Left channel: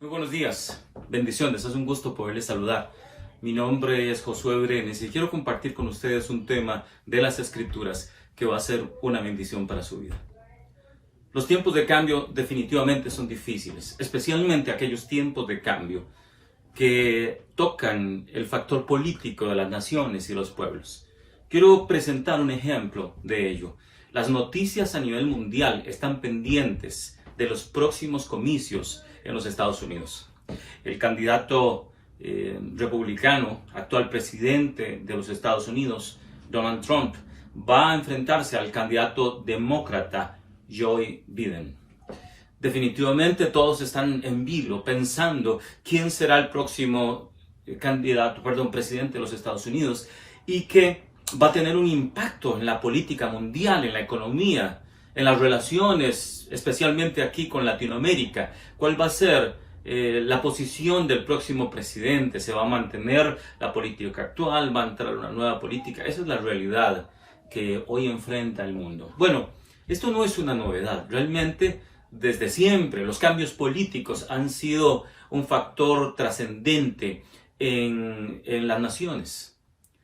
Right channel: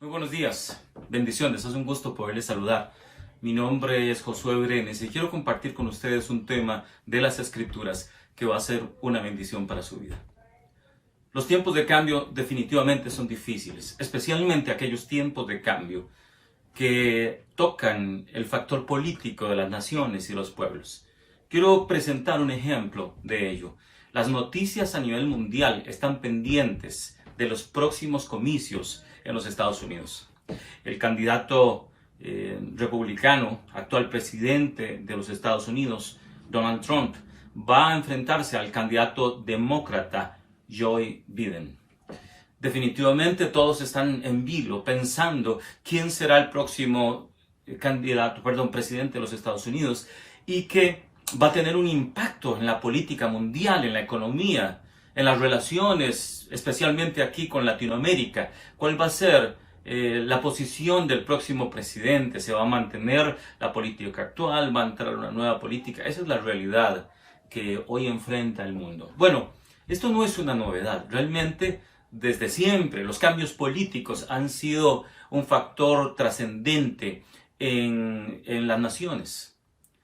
Muy buenos días, bendiciones, es un gusto poderles saludar. Mi nombre es Josué Brenes y quiero compartir con ustedes un tema de las Escrituras que va a ser una bendición para su vida. Los tiempos de cambio definitivamente son difíciles, especialmente aquellos tiempos de cambio que tocan el factor político de las naciones y los pueblos. Quiero presentar un ejemplo de ello. Las noticias a nivel mundial están pendientes de los próximos comicios en los Estados Unidos. El candidato republicano, actual presidente de los Estados Unidos, Donald Trump, va a enfrentarse al candidato demócrata Joe Biden. Definitivamente todos están en vilo pensando quién será el próximo presidente de los Estados Unidos y que va a tener un impacto en la política mundial, en la economía, en las relaciones, especialmente aquí con Latinoamérica. ¿Cuál va a ser la posición del próximo presidente? ¿Se va a mantener la política actual? ¿Va a entrar una nueva política? Esa es la realidad que hoy enfrenta el mundo. Bueno, esto no es una novedad. Realmente, desde siempre, los cambios políticos han sido un factor trascendente en las naciones.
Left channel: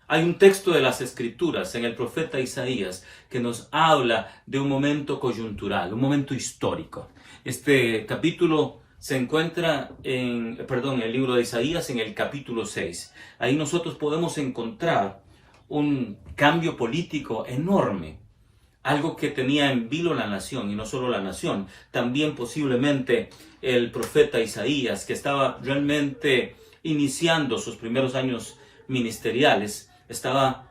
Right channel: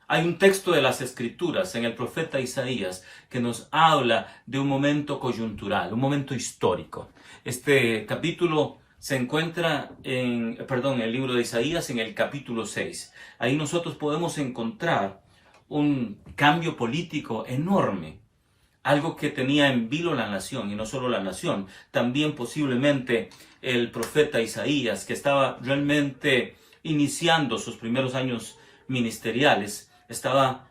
Hay un texto de las Escrituras en el profeta Isaías que nos habla de un momento coyuntural, un momento histórico. Este capítulo se encuentra en el libro de Isaías en el capítulo 6. Ahí nosotros podemos encontrar un cambio político enorme, algo que tenía en vilo la nación, y no solo la nación, también posiblemente el profeta Isaías, que estaba realmente iniciando sus primeros años ministeriales, estaba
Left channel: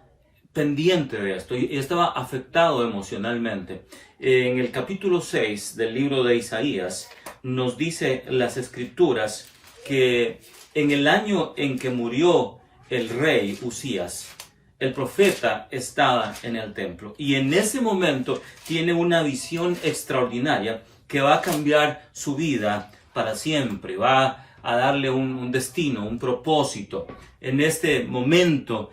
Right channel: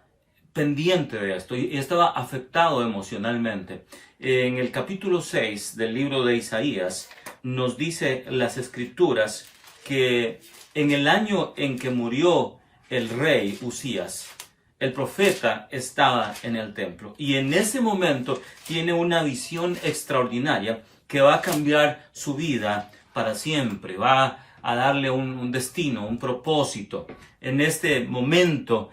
pendiente de esto y estaba afectado emocionalmente. En el capítulo 6 del libro de Isaías nos dice las Escrituras que en el año en que murió el rey Usías, el profeta estaba en el templo y en ese momento tiene una visión extraordinaria que va a cambiar su vida para siempre, va a darle un destino, un propósito. En este momento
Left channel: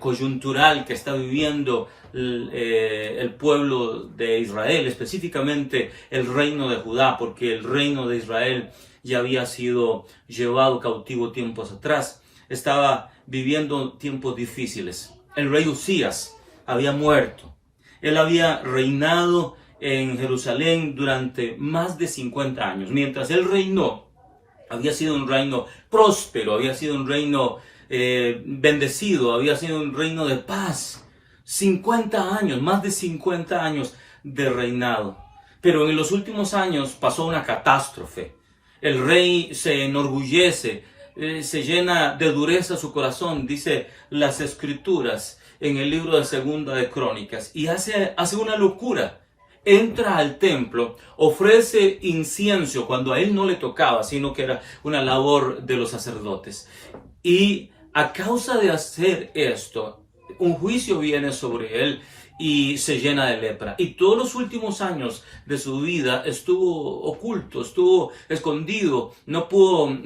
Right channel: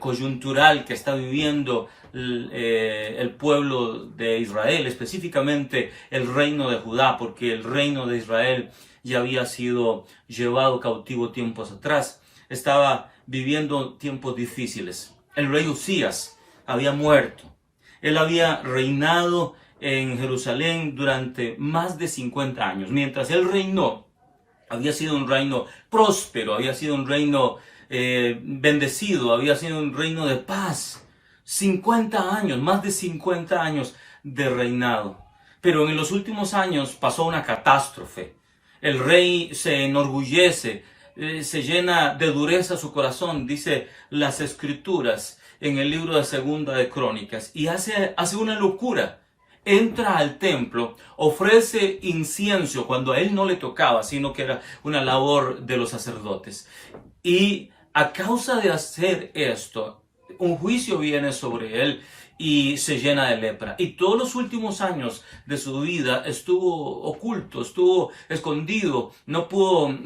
coyuntural que está viviendo el pueblo de Israel, específicamente el reino de Judá, porque el reino de Israel ya había sido llevado cautivo tiempos atrás, estaba viviendo tiempos difíciles. El rey Usías había muerto. Él había reinado en Jerusalén durante más de 50 años. Mientras él reinó, había sido un reino próspero, había sido un reino bendecido, había sido un reino de paz. 50 años, más de 50 años de reinado. Pero en los últimos años pasó una catástrofe. El rey se enorgullece, se llena de dureza su corazón, dice las Escrituras en el libro de Segunda de Crónicas, y hace una locura. Entra al templo, ofrece incienso cuando a él no le tocaba, sino que era una labor de los sacerdotes. Y a causa de hacer esto, un juicio viene sobre él y se llena de lepra. Y todos los últimos años de su vida estuvo oculto, estuvo escondido. No pudo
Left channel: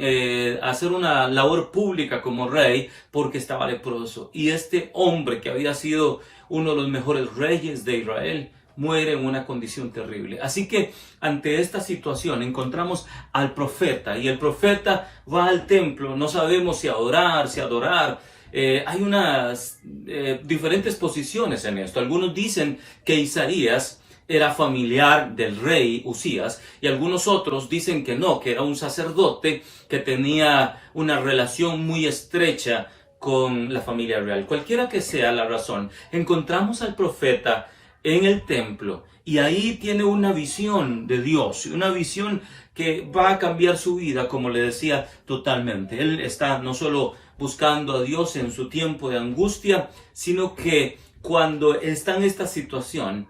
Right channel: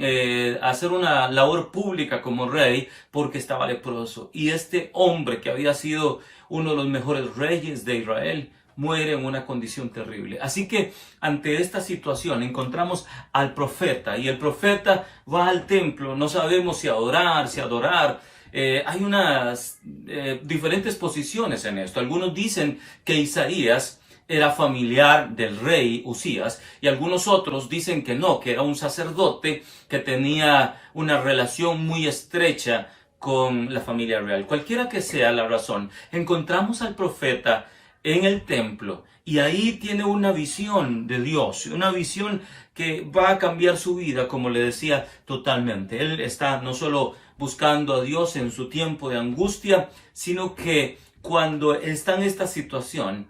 hacer una labor pública como rey porque estaba leproso. Y este hombre que había sido uno de los mejores reyes de Israel muere en una condición terrible. Así que ante esta situación encontramos al profeta y el profeta va al templo. No sabemos si adorar. Hay unas diferentes posiciones en esto. Algunos dicen que Isaías era familiar del rey Usías y algunos otros dicen que no, que era un sacerdote que tenía una relación muy estrecha con la familia real. Cualquiera que sea la razón, encontramos al profeta en el templo y ahí tiene una visión de Dios, una visión que va a cambiar su vida, como le decía, totalmente. Él está no solo buscando a Dios en su tiempo de angustia, sino que cuando está en esta situación,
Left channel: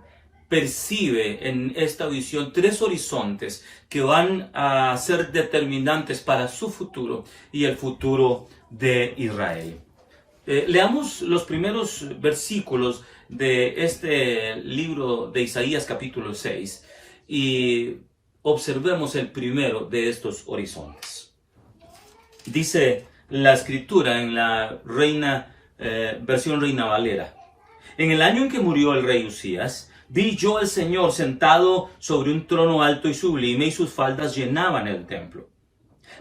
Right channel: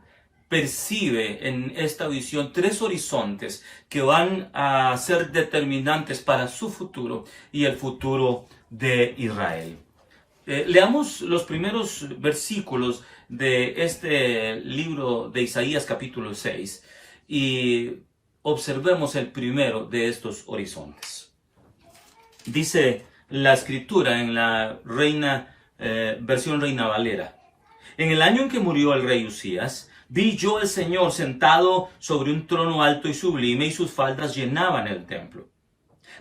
percibe en esta visión 3 horizontes que van a ser determinantes para su futuro y el futuro de Israel. Leamos los primeros versículos de este libro de Isaías capítulo 6 y observemos el primero de estos horizontes. Dice la Escritura en la versión Reina Valera: en el año en que murió el rey Usías, vi yo al Señor sentado sobre un trono alto y sublime, y sus faldas llenaban el templo.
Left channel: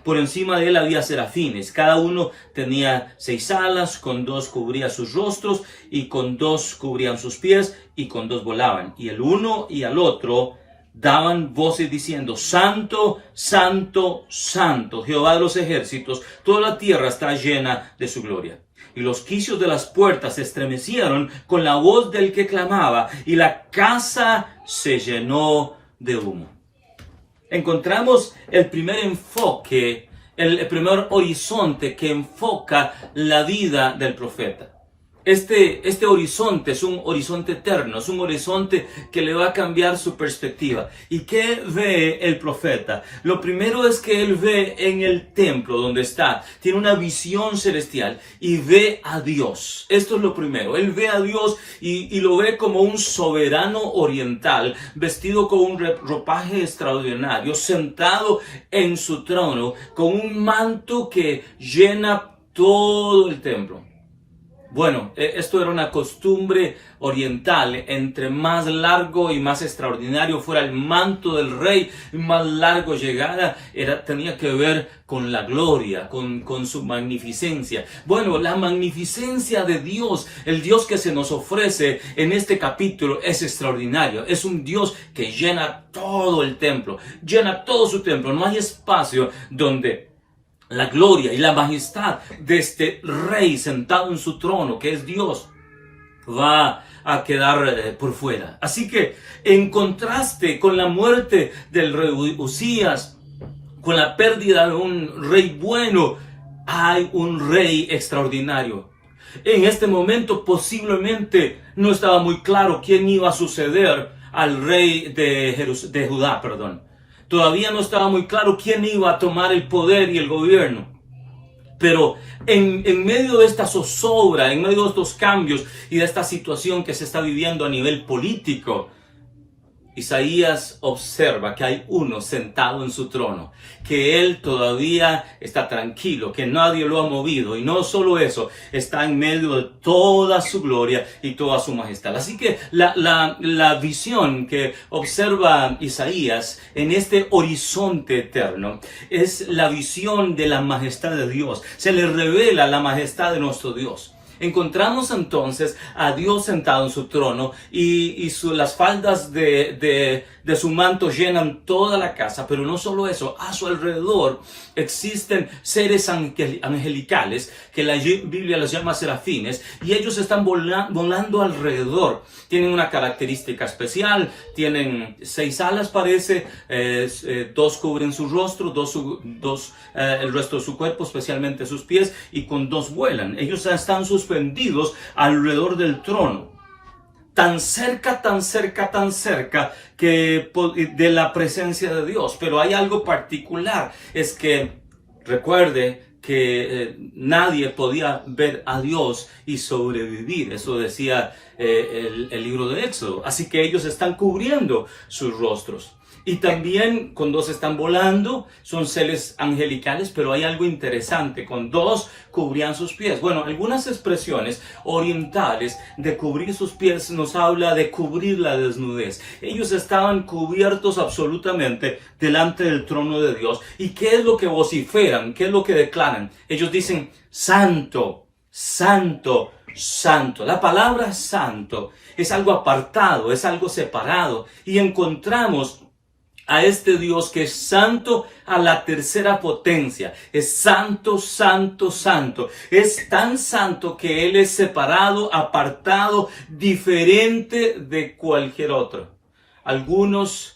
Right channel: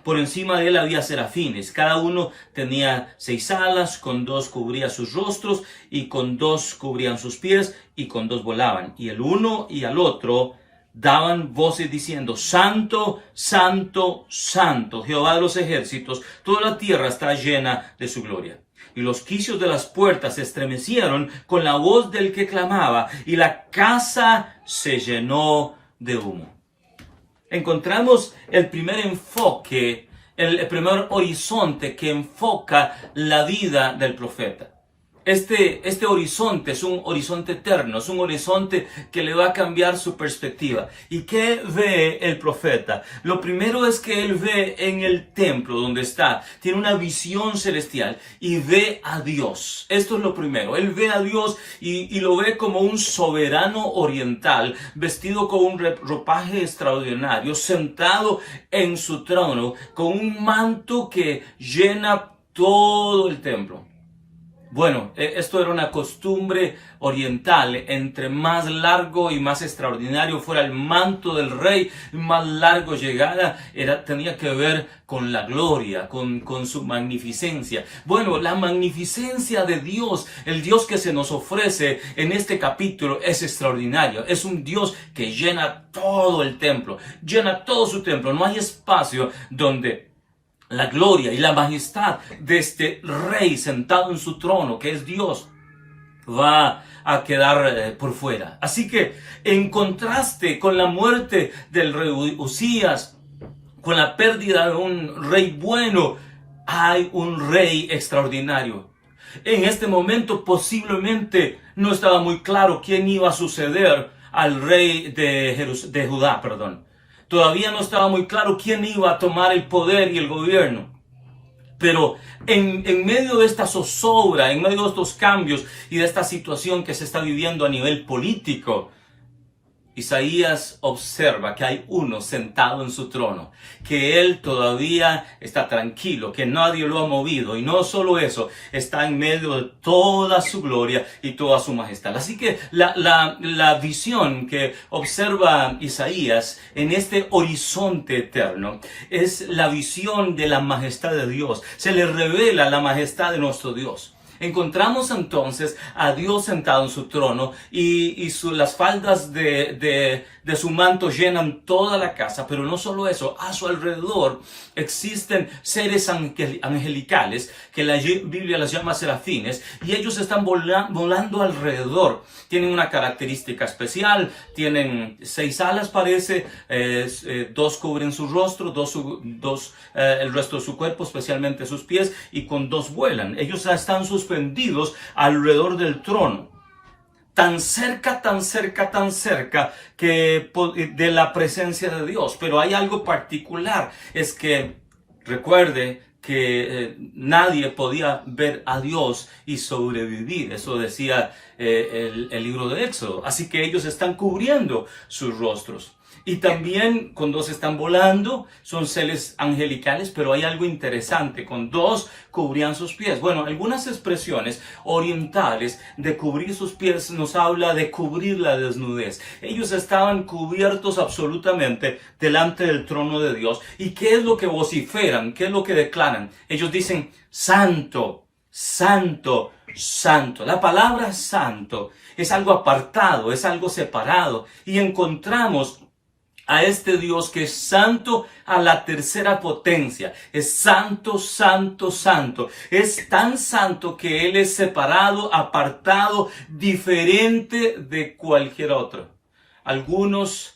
Por encima de él había serafines, cada uno tenía 6 alas, con 2 cubría sus rostros, y con 2 cubrían sus pies, y con 2 volaban. Y el uno y al otro daban voces diciendo: Santo, Santo, Santo, Jehová de los ejércitos, toda la tierra está llena de su gloria. Y los quicios de las puertas se estremecieron con la voz del que clamaba, y la casa se llenó de humo. Encontramos el primer enfoque, el primer horizonte que enfoca la vida del profeta. Este horizonte es un horizonte eterno, es un horizonte que le va a cambiar su perspectiva. ¿Y qué ve el profeta? Lo primero es que él ve en el templo donde está, tiene una visión celestial y ve a Dios. Esto es lo primero, él ve a Dios y lo ve como un soberano oriental, vestido con un ropaje extraordinario, sentado en su trono, con un manto que llena todo el templo. Bueno, esto era una costumbre oriental. Entre más largo y más extraordinario fuera el manto del rey, más largo llegara, tenía que ver con la gloria, con su magnificencia. Bueno, la magnificencia de Dios, el Dios que se nos ofrece en este capítulo, es extraordinario. Es un Dios que llena todo el templo, llena todo su templo. No hay espacio donde la gloria y la majestad de este rey sentado en su trono, que es Dios, va a quedar por fuera. Así que, en contraste con la muerte del rey Usías, con la pérdida de un rey bueno, hay un rey extraordinario. En este momento posiblemente no estaba muy claro quién iba a suceder al rey de Judá. Todavía no estaba muy claro quién iba a tomar el poder y el gobierno. Pero en medio de esta zozobra, en medio de estos cambios y de esta situación que se está viviendo a nivel político, Isaías observa que hay uno sentado en su trono, que él todavía está tranquilo, que nadie lo ha movido, y no solo eso, está en medio de toda su gloria y toda su majestad. Así que la visión que observa Isaías en este horizonte eterno es la visión de la majestad de Dios. Se le revela la majestad de nuestro Dios. Encontramos entonces a Dios sentado en su trono y las faldas de su manto llenan toda la casa, pero no solo eso, a su alrededor existen seres angelicales que la Biblia les llama serafines, y ellos están volando alrededor. Tienen una característica especial, tienen 6 alas parece, 2 cubren su rostro, el resto de su cuerpo, especialmente sus pies, y con 2 vuelan. Ellos están suspendidos alrededor del trono, tan cerca que de la presencia de Dios. Pero hay algo particular, es que recuerde que nadie podía ver a Dios y sobrevivir. Eso decía el libro de Éxodo. Así que ellos están cubriendo sus rostros. Y también con 2 están volando, son seres angelicales, pero hay algo interesante, con 2 cubrían sus pies. Bueno, algunas expresiones orientales de cubrir sus pies nos habla de cubrir la desnudez. Ellos estaban cubiertos absolutamente delante del trono de Dios. ¿Y qué es lo que vociferan? ¿Qué es lo que declaran? Ellos dicen: Santo, Santo, Santo. La palabra santo es algo apartado, es algo separado. Y encontramos a este Dios que es santo a la tercera potencia. Es santo, santo, santo. Es tan santo que Él es separado, apartado, diferente de cualquier otro. Algunos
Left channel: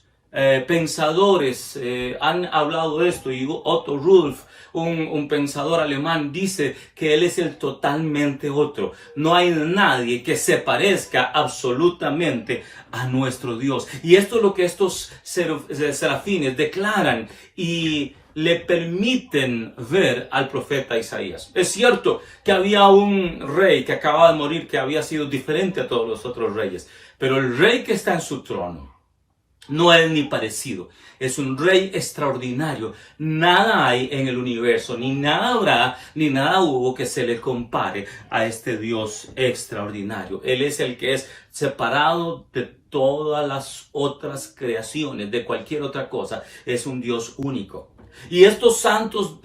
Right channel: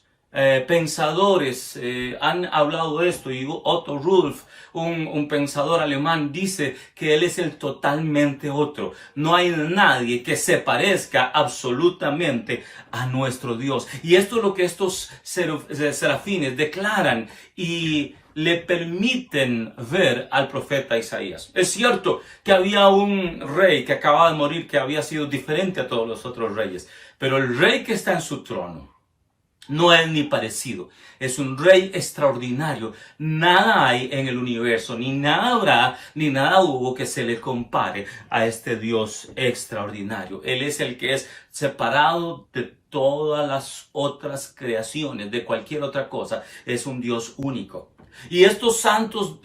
pensadores han hablado de esto, y Otto Rudolf, un pensador alemán, dice que Él es el totalmente otro. No hay nadie que se parezca absolutamente a nuestro Dios. Y esto es lo que estos serafines declaran y le permiten ver al profeta Isaías. Es cierto que había un rey que acababa de morir, que había sido diferente a todos los otros reyes, pero el rey que está en su trono no es ni parecido. Es un rey extraordinario. Nada hay en el universo, ni nada habrá, ni nada hubo que se le compare a este Dios extraordinario. Él es el que es separado de todas las otras creaciones, de cualquier otra cosa. Es un Dios único. Y estos santos,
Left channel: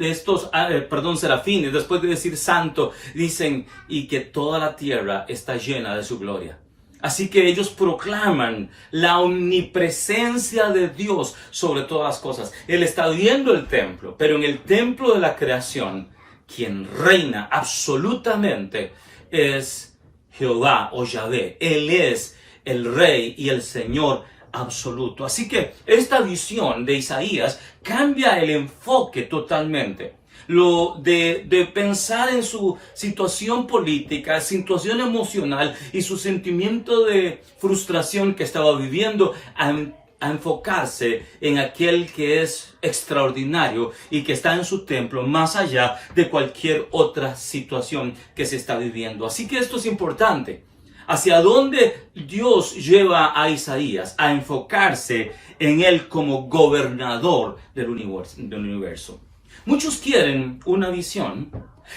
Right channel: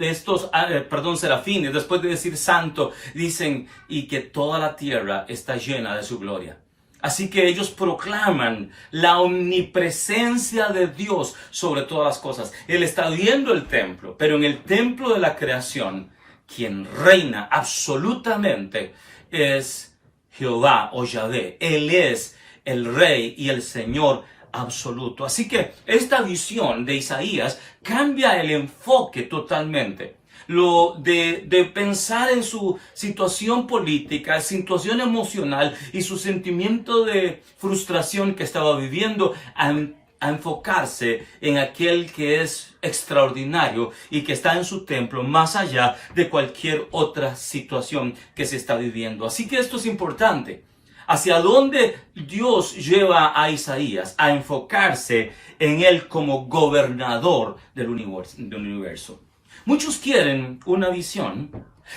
serafines, después de decir santo, dicen, y que toda la tierra está llena de su gloria. Así que ellos proclaman la omnipresencia de Dios sobre todas las cosas. Él está viendo el templo, pero en el templo de la creación, quien reina absolutamente es Jehová o Yahvé. Él es el Rey y el Señor absoluto. Así que esta visión de Isaías cambia el enfoque totalmente. Lo de pensar en su situación política, situación emocional y su sentimiento de frustración que estaba viviendo a enfocarse en aquel que es extraordinario y que está en su templo más allá de cualquier otra situación que se está viviendo. Así que esto es importante. Hacia dónde Dios lleva a Isaías a enfocarse en él como gobernador del universo. Muchos quieren una visión,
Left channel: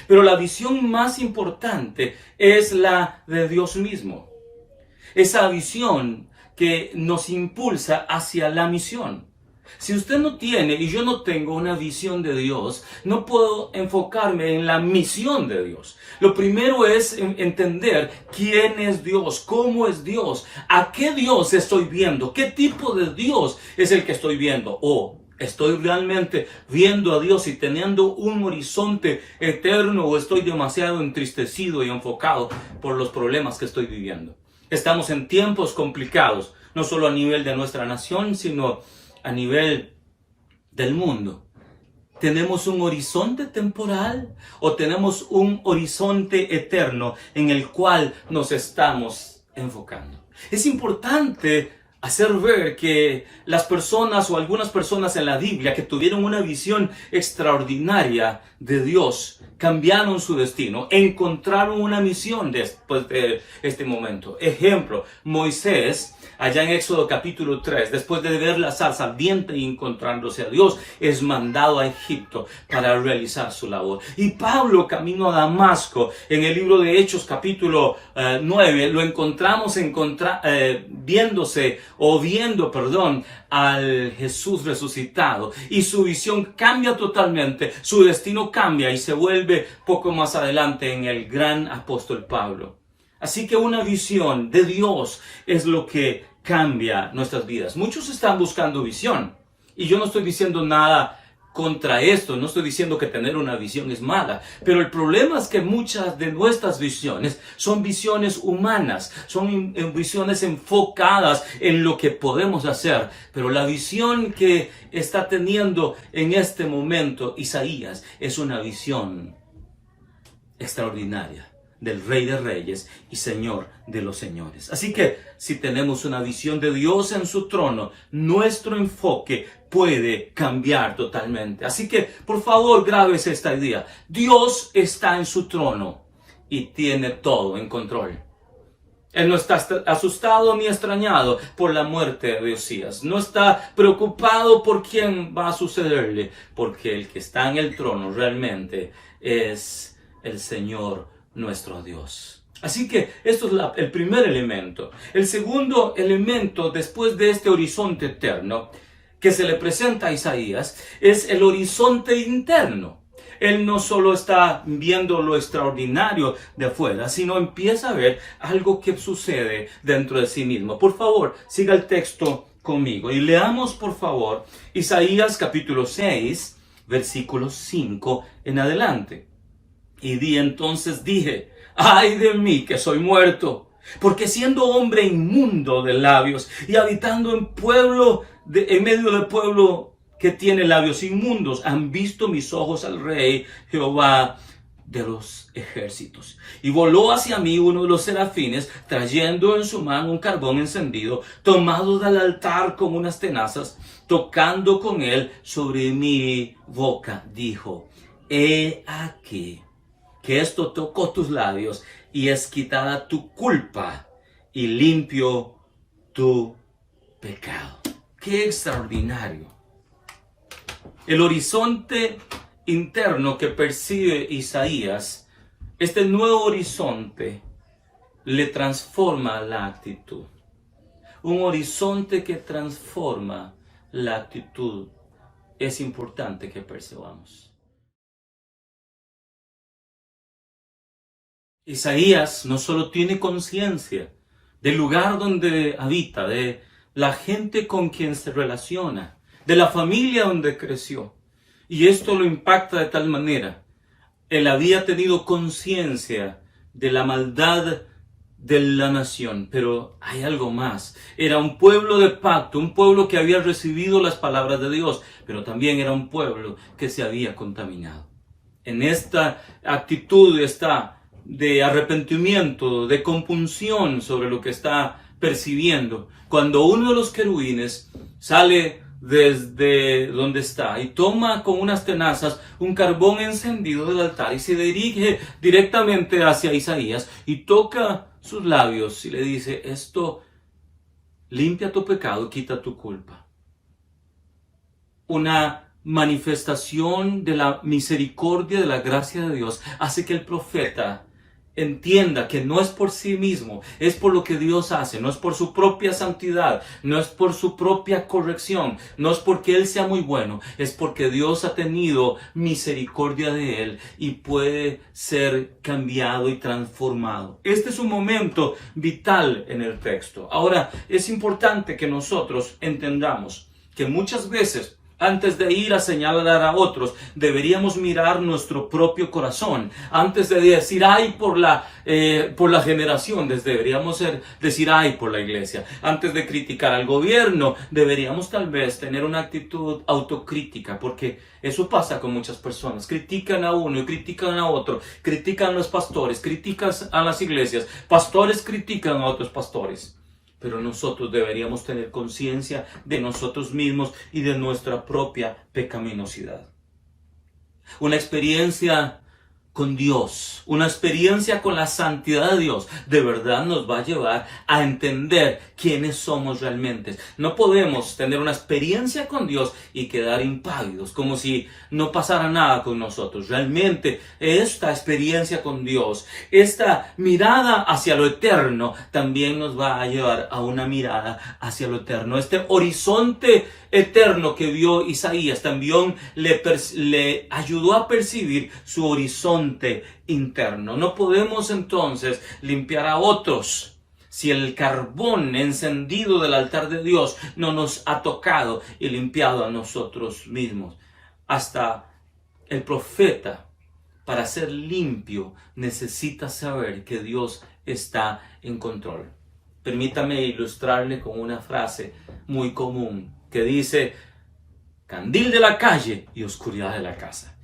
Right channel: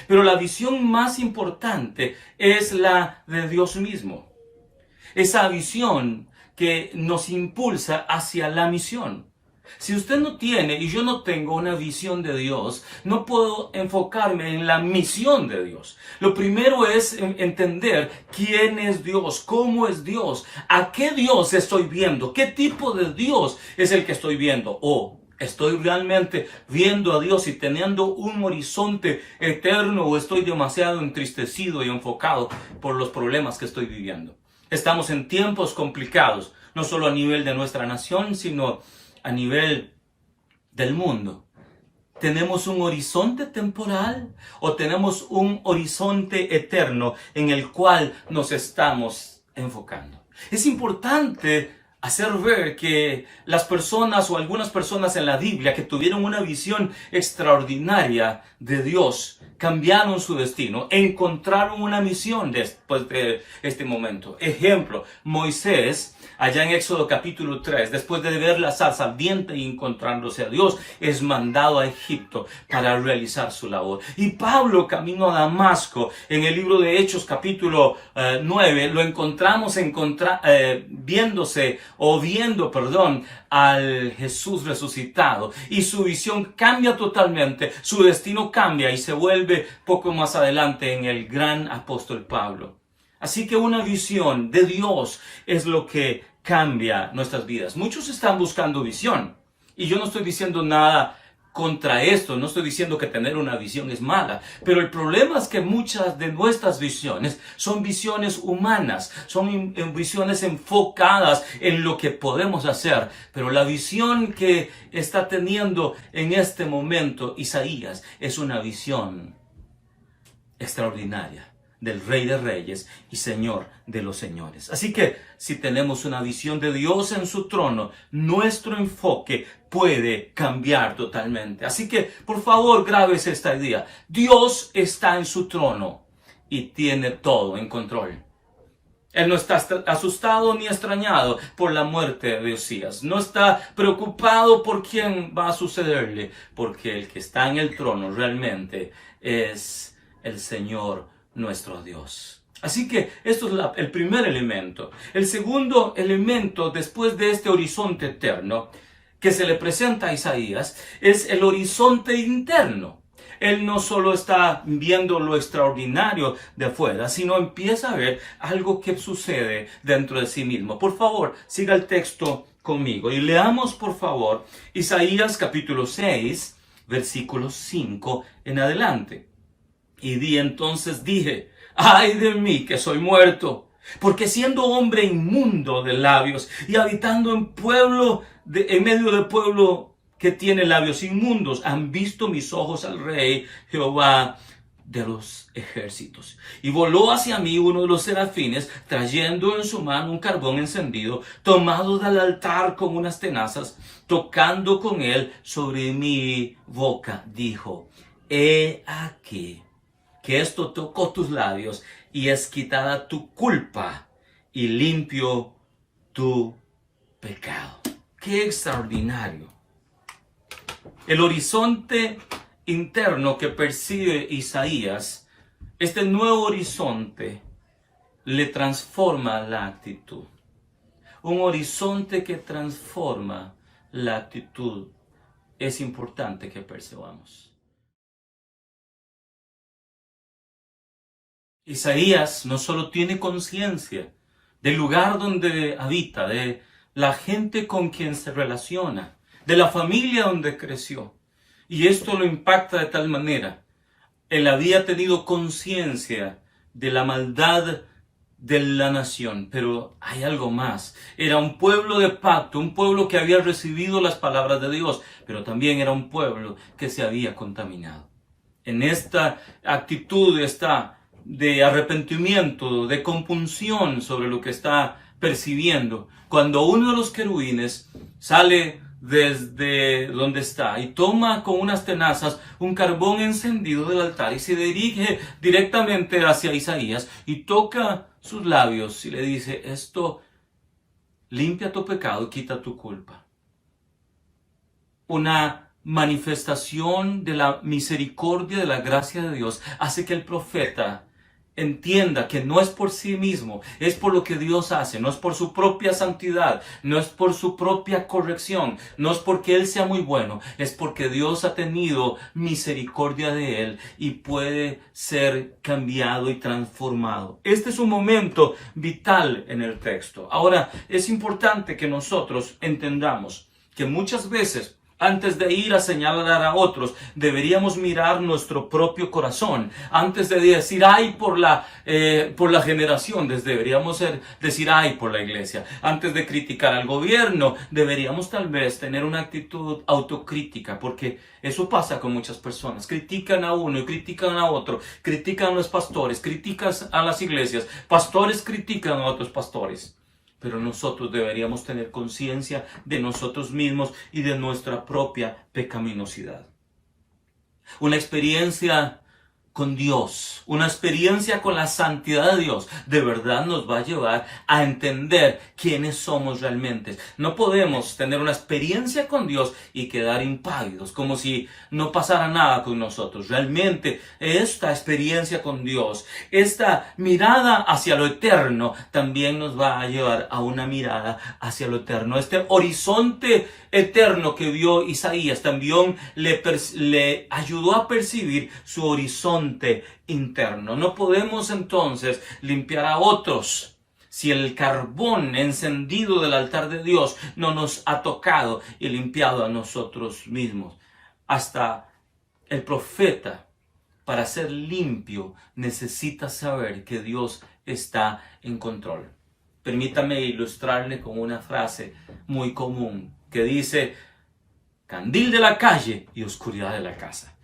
pero la visión más importante es la de Dios mismo. Esa visión que nos impulsa hacia la misión. Si usted no tiene y yo no tengo una visión de Dios, no puedo enfocarme en la misión de Dios. Lo primero es entender quién es Dios, cómo es Dios, a qué Dios estoy viendo, qué tipo de Dios es el que estoy viendo. ¿Estoy realmente viendo a Dios y teniendo un horizonte eterno o estoy demasiado entristecido y enfocado por los problemas que estoy viviendo? Estamos en tiempos complicados, no solo a nivel de nuestra nación, sino a nivel del mundo. ¿Tenemos un horizonte temporal o tenemos un horizonte eterno en el cual nos estamos enfocando? Es importante hacer ver que las personas o algunas personas en la Biblia que tuvieron una visión extraordinaria de Dios cambiaron su destino, encontraron una misión después de este momento. Ejemplo, Moisés, allá en Éxodo capítulo 3, después de ver la zarza ardiente y encontrándose a Dios, es mandado a Egipto para realizar su labor. Y Pablo, camino a Damasco, en el libro de Hechos capítulo 9, lo encontramos viendo al Jesús resucitado. Y su visión cambia totalmente, su destino cambia y se vuelve poco más adelante en el gran apóstol Pablo. Así que una visión de Dios es lo que cambia nuestras vidas. Muchos están buscando visión. Y yo no estoy diciendo nada contra esto, no estoy diciendo que tener una visión es mala. Pero el problema es que muchas de nuestras visiones son visiones humanas, son visiones enfocadas en lo que podemos hacer. Pero la visión que está teniendo en este momento Isaías es una visión extraordinaria del Rey de Reyes y Señor de los Señores. Así que si tenemos una visión de Dios en su trono, nuestro enfoque puede cambiar totalmente. Así que, por favor, grábese esta idea. Dios está en su trono y tiene todo en control. Él no está asustado ni extrañado por la muerte de Osías. No está preocupado por quién va a sucederle, porque el que está en el trono realmente es el Señor nuestro Dios. Así que esto es el primer elemento. El segundo elemento, después de este horizonte eterno que se le presenta a Isaías, es el horizonte interno. Él no solo está viendo lo extraordinario de afuera, sino empieza a ver algo que sucede dentro de sí mismo. Por favor, siga el texto conmigo y leamos, por favor, Isaías capítulo 6, versículos 5 en adelante. Y entonces dije, ¡ay de mí que soy muerto! Porque siendo hombre inmundo de labios y habitando en medio del pueblo que tiene labios inmundos, han visto mis ojos al Rey Jehová de los ejércitos. Y voló hacia mí uno de los serafines, trayendo en su mano un carbón encendido, tomado del altar con unas tenazas, tocando con él sobre mi boca, dijo, he aquí que esto tocó tus labios y es quitada tu culpa y limpio tu pecado. ¡Qué extraordinario! El horizonte interno que percibe Isaías, este nuevo horizonte, le transforma la actitud. Un horizonte que transforma la actitud es importante que percibamos. Isaías no solo tiene conciencia del lugar donde habita, de la gente con quien se relaciona, de la familia donde creció. Y esto lo impacta de tal manera. Él había tenido conciencia de la maldad de la nación, pero hay algo más. Era un pueblo de pacto, un pueblo que había recibido las palabras de Dios, pero también era un pueblo que se había contaminado. En esta actitud está de arrepentimiento, de compunción sobre lo que está percibiendo. Cuando uno de los querubines sale desde donde está y toma con unas tenazas un carbón encendido del altar y se dirige directamente hacia Isaías y toca sus labios y le dice: esto limpia tu pecado y quita tu culpa. Una manifestación de la misericordia, de la gracia de Dios, hace que el profeta entienda que no es por sí mismo, es por lo que Dios hace, no es por su propia santidad, no es por su propia corrección, no es porque Él sea muy bueno, es porque Dios ha tenido misericordia de Él y puede ser cambiado y transformado. Este es un momento vital en el texto. Ahora, es importante que nosotros entendamos que muchas veces, antes de ir a señalar a otros, deberíamos mirar nuestro propio corazón. Antes de decir ay por la generación, deberíamos decir ay por la iglesia. Antes de criticar al gobierno, deberíamos tal vez tener una actitud autocrítica, porque eso pasa con muchas personas. Critican a uno y critican a otro, critican a los pastores, critican a las iglesias, pastores critican a otros pastores. Pero nosotros deberíamos tener conciencia de nosotros mismos y de nuestra propia pecaminosidad. Una experiencia con Dios, una experiencia con la santidad de Dios, de verdad nos va a llevar a entender quiénes somos realmente. No podemos tener una experiencia con Dios y quedar impávidos, como si no pasara nada con nosotros. Realmente esta experiencia con Dios, esta mirada hacia lo eterno, también nos va a llevar a una mirada hacia lo eterno. Este horizonte eterno que vio Isaías también le ayudó a percibir su horizonte interno. No podemos entonces limpiar a otros si el carbón encendido del altar de Dios no nos ha tocado y limpiado a nosotros mismos. Hasta el profeta, para ser limpio, necesita saber que Dios está en control. Permítame ilustrarle con una frase muy común que dice: candil de la calle y oscuridad de la casa.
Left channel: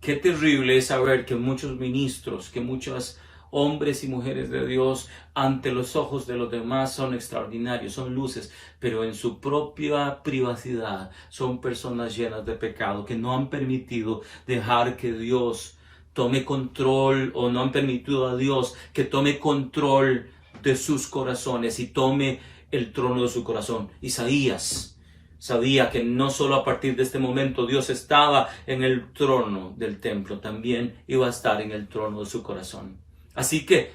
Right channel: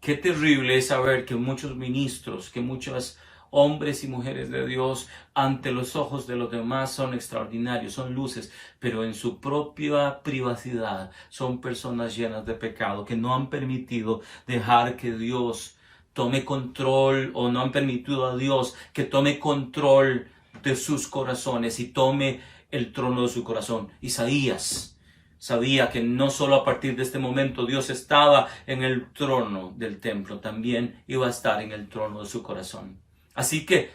Qué terrible es saber que muchos ministros, que muchos hombres y mujeres de Dios ante los ojos de los demás son extraordinarios, son luces, pero en su propia privacidad son personas llenas de pecado que no han permitido dejar que Dios tome control, o no han permitido a Dios que tome control de sus corazones y tome el trono de su corazón. Isaías sabía que no solo a partir de este momento Dios estaba en el trono del templo, también iba a estar en el trono de su corazón. Así que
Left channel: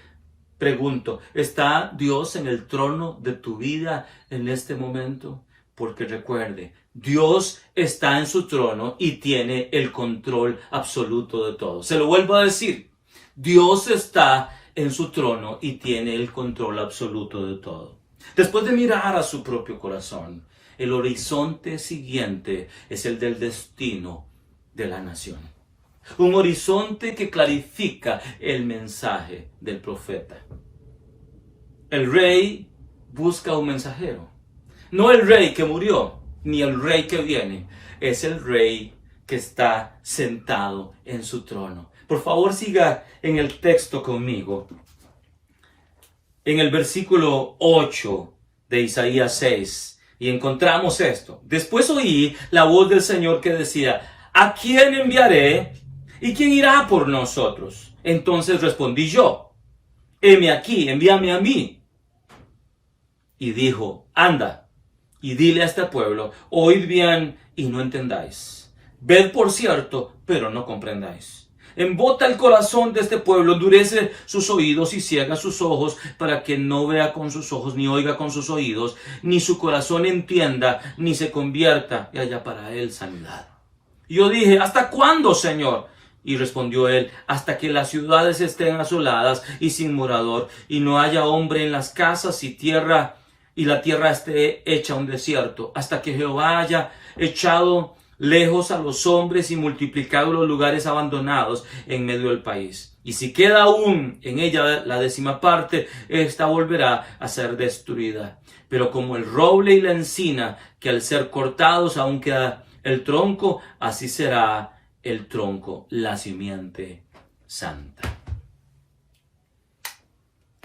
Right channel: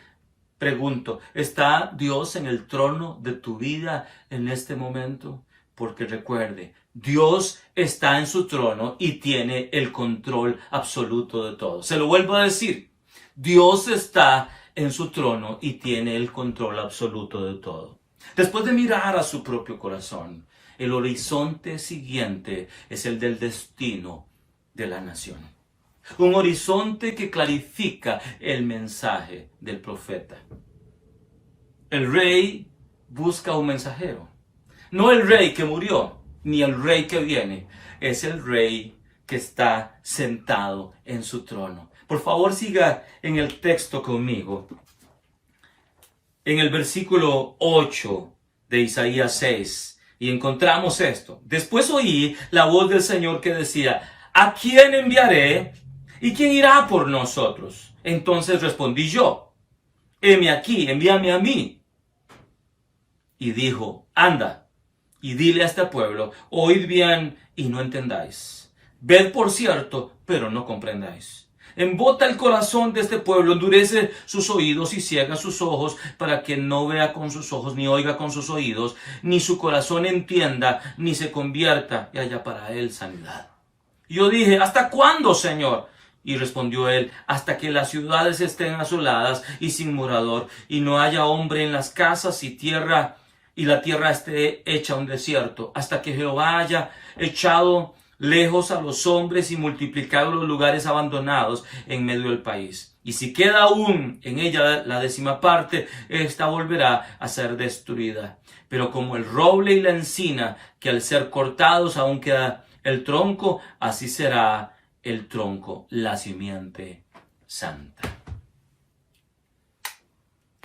pregunto, ¿está Dios en el trono de tu vida en este momento? Porque recuerde, Dios está en su trono y tiene el control absoluto de todo. Se lo vuelvo a decir, Dios está en su trono y tiene el control absoluto de todo. Después de mirar a su propio corazón, el horizonte siguiente es el del destino de la nación. Un horizonte que clarifica el mensaje del profeta. El rey busca un mensajero. No el rey que murió, ni el rey que viene. Es el rey que está sentado en su trono. Por favor, siga en el texto conmigo. En el versículo 8 de Isaías 6. Y encontramos esto. Después oí la voz del Señor que decía: ¿a quién enviaré? ¿Y quién irá por nosotros? Entonces respondí yo: heme aquí, envíame a mí. Y dijo: anda, y dile a este pueblo: oíd bien y no entendáis. Ved por cierto, pero no comprendáis. Embota el corazón de este pueblo, endurece sus oídos y ciega sus ojos, para que no vea con sus ojos, ni oiga con sus oídos, ni su corazón entienda, ni se convierta y haya para él sanidad. Yo dije, ¿hasta cuándo, Señor? Y respondió él, hasta que las ciudades estén asoladas y sin morador, y no haya hombre en las casas y la tierra esté hecha un desierto, hasta que Jehová haya echado lejos a los hombres y multiplicado los lugares abandonados en medio del país. Y si queda aún en ella la 10ª parte, esta volverá a ser destruida. Pero como el roble y la encina, que al ser cortados aún queda el tronco, así será el tronco, la simiente santa.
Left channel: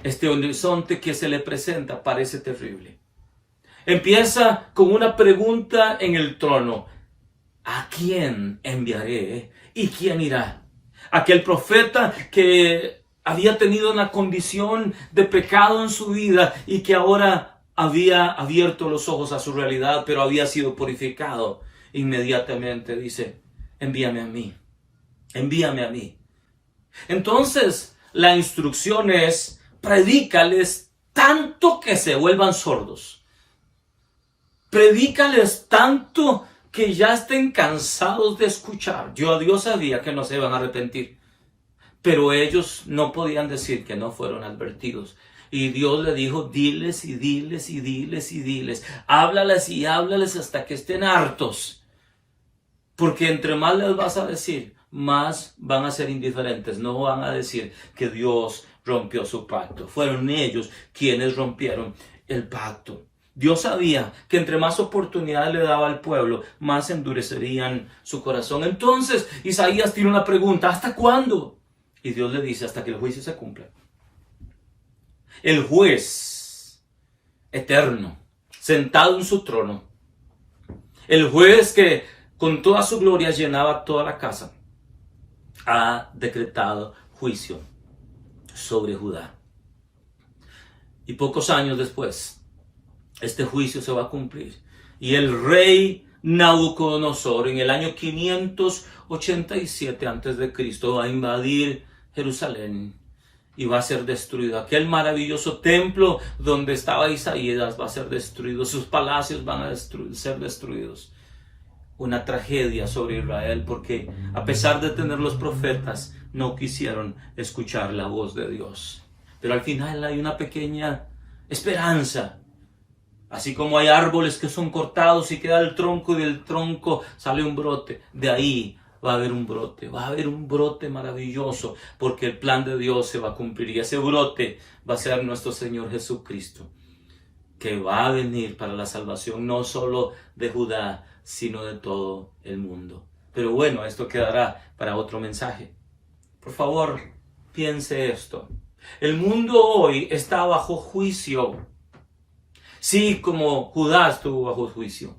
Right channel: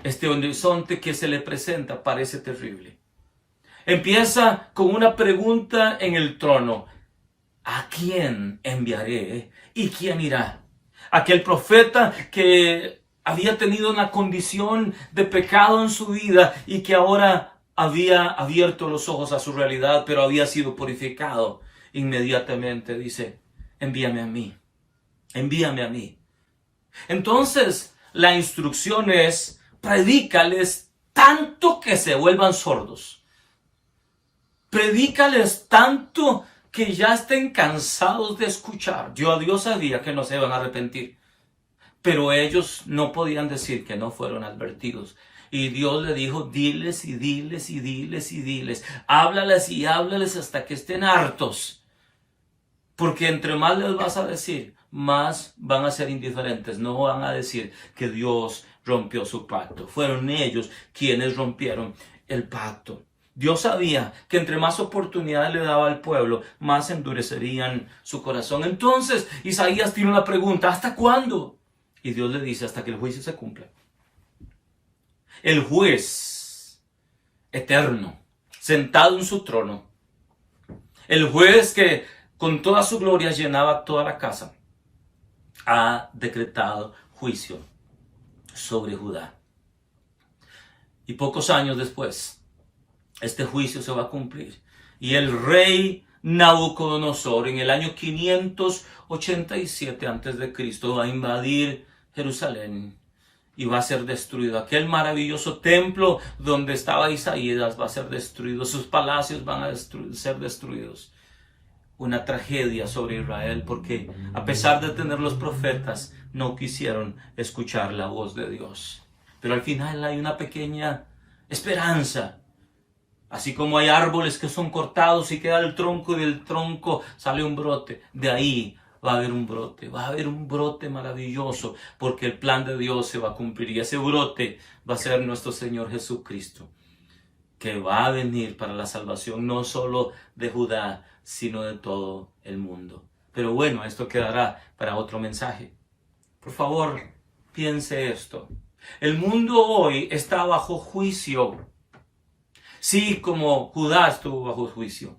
Este horizonte que se le presenta parece terrible. Empieza con una pregunta en el trono. ¿A quién enviaré y quién irá? Aquel profeta que había tenido una condición de pecado en su vida y que ahora había abierto los ojos a su realidad, pero había sido purificado. Inmediatamente dice, envíame a mí, envíame a mí. Entonces la instrucción es, predícales tanto que se vuelvan sordos. Predícales tanto que ya estén cansados de escuchar. Dios sabía que no se iban a arrepentir, pero ellos no podían decir que no fueron advertidos. Y Dios le dijo, diles y diles y diles y diles. Háblales y háblales hasta que estén hartos. Porque entre más les vas a decir, más van a ser indiferentes. No van a decir que Dios rompió su pacto. Fueron ellos quienes rompieron el pacto. Dios sabía que entre más oportunidades le daba al pueblo, más endurecerían su corazón. Entonces Isaías tiene una pregunta, ¿hasta cuándo? Y Dios le dice, hasta que el juicio se cumpla. El juez eterno, sentado en su trono, el juez que con toda su gloria llenaba toda la casa, ha decretado juicio sobre Judá. Y pocos años después, este juicio se va a cumplir. Y el rey Nabucodonosor, en el año 587 a.C., va a invadir Jerusalén y va a ser destruido. Aquel maravilloso templo donde estaba Isaías va a ser destruido. Sus palacios van a ser destruidos. Una tragedia sobre Israel, porque a pesar de tener los profetas, no quisieron escuchar la voz de Dios. Pero al final hay una pequeña esperanza. Así como hay árboles que son cortados y queda el tronco y del tronco sale un brote, de ahí va a haber un brote maravilloso, porque el plan de Dios se va a cumplir y ese brote va a ser nuestro Señor Jesucristo, que va a venir para la salvación no solo de Judá, sino de todo el mundo. Pero bueno, esto quedará para otro mensaje. Por favor, piense esto. El mundo hoy está bajo juicio. Sí, como Judá estuvo bajo juicio.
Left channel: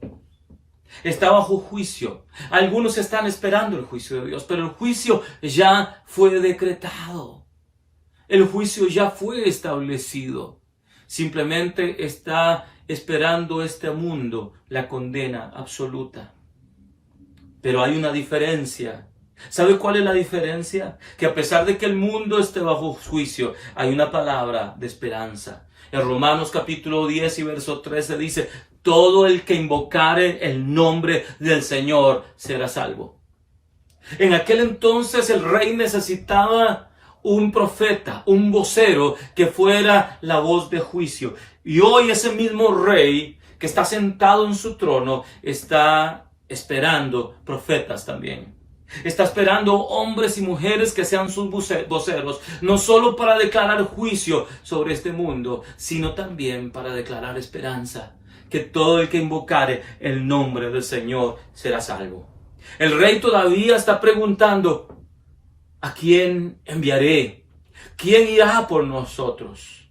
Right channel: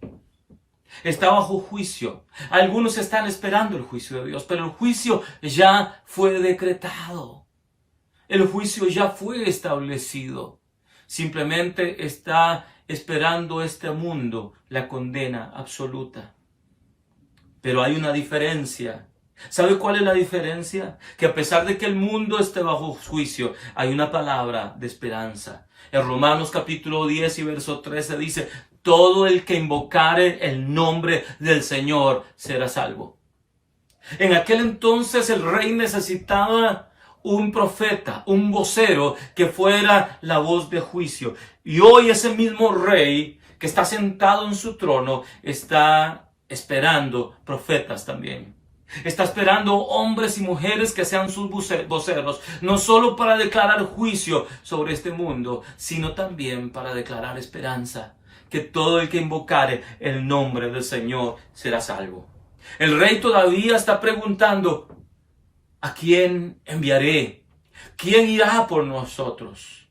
Está bajo juicio. Algunos están esperando el juicio de Dios, pero el juicio ya fue decretado. El juicio ya fue establecido. Simplemente está esperando este mundo la condena absoluta. Pero hay una diferencia. ¿Sabe cuál es la diferencia? Que a pesar de que el mundo esté bajo juicio, hay una palabra de esperanza. En Romanos capítulo 10 y verso 13 dice, todo el que invocare el nombre del Señor será salvo. En aquel entonces el rey necesitaba un profeta, un vocero que fuera la voz de juicio. Y hoy ese mismo rey que está sentado en su trono está esperando profetas también. Está esperando hombres y mujeres que sean sus voceros, no solo para declarar juicio sobre este mundo, sino también para declarar esperanza, que todo el que invocare el nombre del Señor será salvo. El rey todavía está preguntando, ¿a quién enviaré? ¿Quién irá por nosotros?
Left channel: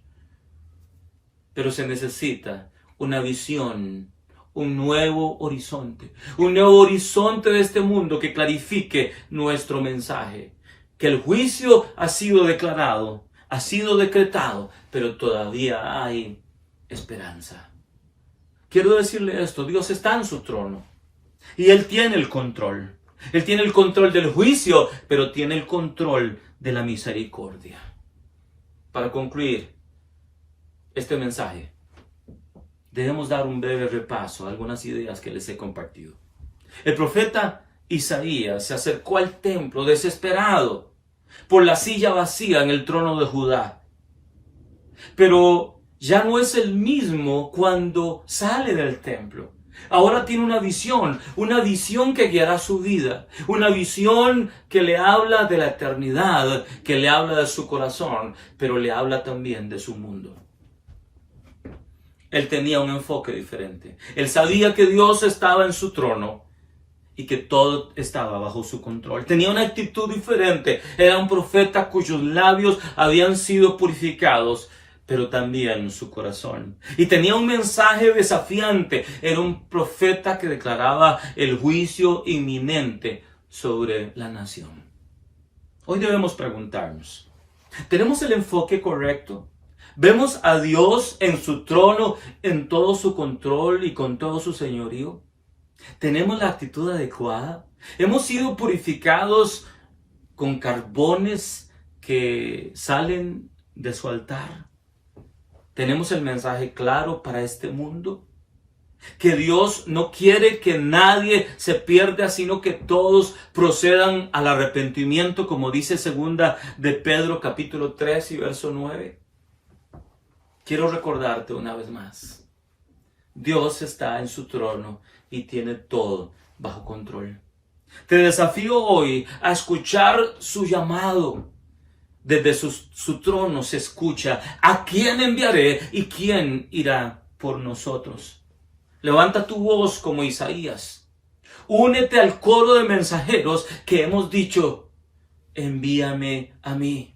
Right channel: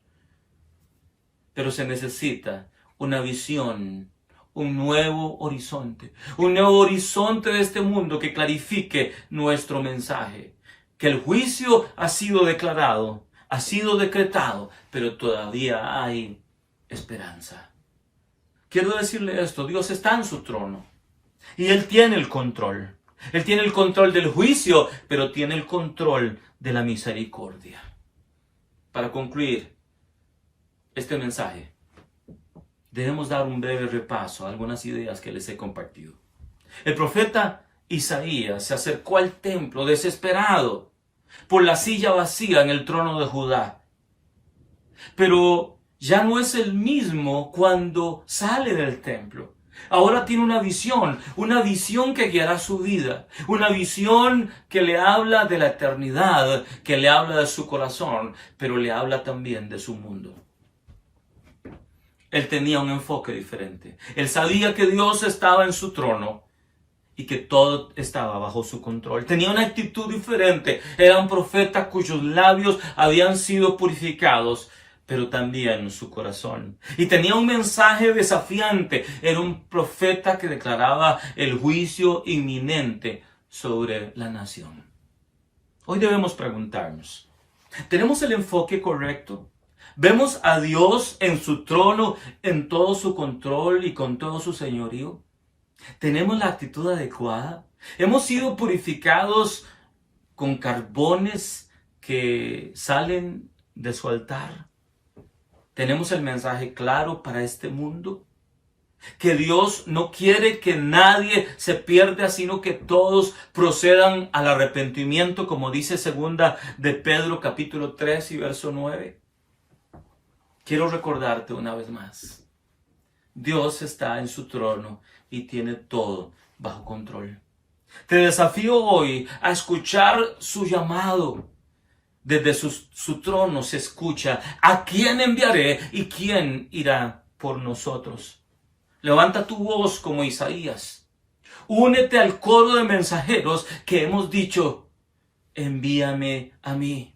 Pero se necesita una visión, un nuevo horizonte de este mundo que clarifique nuestro mensaje. Que el juicio ha sido declarado, ha sido decretado, pero todavía hay esperanza. Quiero decirle esto, Dios está en su trono y Él tiene el control. Él tiene el control del juicio, pero tiene el control de la misericordia. Para concluir este mensaje, debemos dar un breve repaso a algunas ideas que les he compartido. El profeta Isaías se acercó al templo desesperado por la silla vacía en el trono de Judá. Pero ya no es el mismo cuando sale del templo. Ahora tiene una visión que guiará su vida, una visión que le habla de la eternidad, que le habla de su corazón, pero le habla también de su mundo. Él tenía un enfoque diferente. Él sabía que Dios estaba en su trono y que todo estaba bajo su control. Tenía una actitud diferente. Era un profeta cuyos labios habían sido purificados, pero también su corazón. Y tenía un mensaje desafiante. Era un profeta que declaraba el juicio inminente sobre la nación. Hoy debemos preguntarnos, ¿tenemos el enfoque correcto? ¿Vemos a Dios en su trono, en todo su control y con todo su señorío? ¿Tenemos la actitud adecuada? ¿Hemos sido purificados con carbones que salen de su altar? ¿Tenemos el mensaje claro para este mundo? Que Dios no quiere que nadie se pierda, sino que todos procedan al arrepentimiento, como dice 2 de Pedro capítulo 3 y verso 9. Quiero recordarte una vez más. Dios está en su trono y tiene todo bajo control. Te desafío hoy a escuchar su llamado. Desde su trono se escucha: ¿a quién enviaré y quién irá por nosotros? Levanta tu voz como Isaías. Únete al coro de mensajeros que hemos dicho: envíame a mí.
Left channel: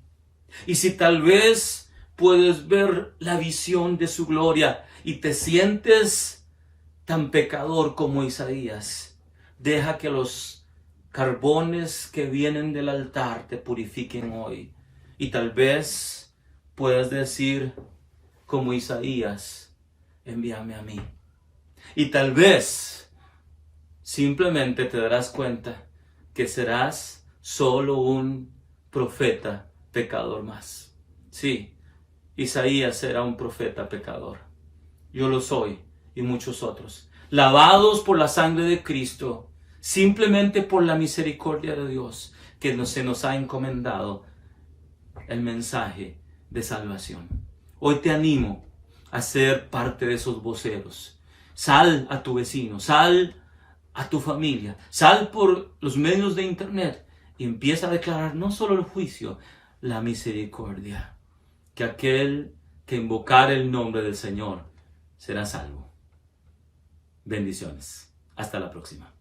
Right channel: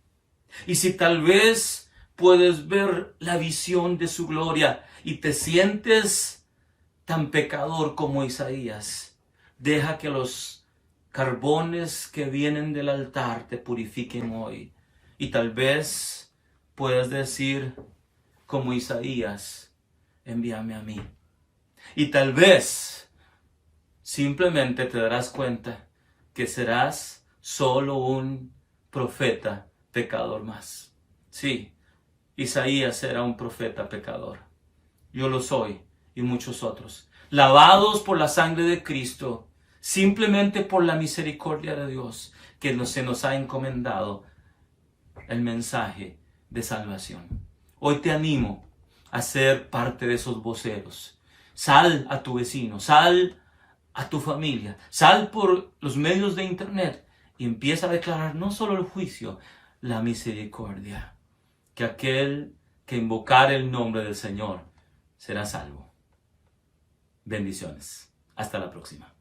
Y si tal vez puedes ver la visión de su gloria y te sientes tan pecador como Isaías, deja que los carbones que vienen del altar te purifiquen hoy. Y tal vez puedas decir como Isaías: envíame a mí. Y tal vez simplemente te darás cuenta que serás solo un profeta pecador más. Sí, Isaías era un profeta pecador. Yo lo soy y muchos otros. Lavados por la sangre de Cristo, simplemente por la misericordia de Dios que se nos ha encomendado el mensaje de salvación. Hoy te animo a ser parte de esos voceros. Sal a tu vecino, sal a tu familia, sal por los medios de internet y empieza a declarar no solo el juicio, la misericordia. Que aquel que invocar el nombre del Señor será salvo. Bendiciones. Hasta la próxima.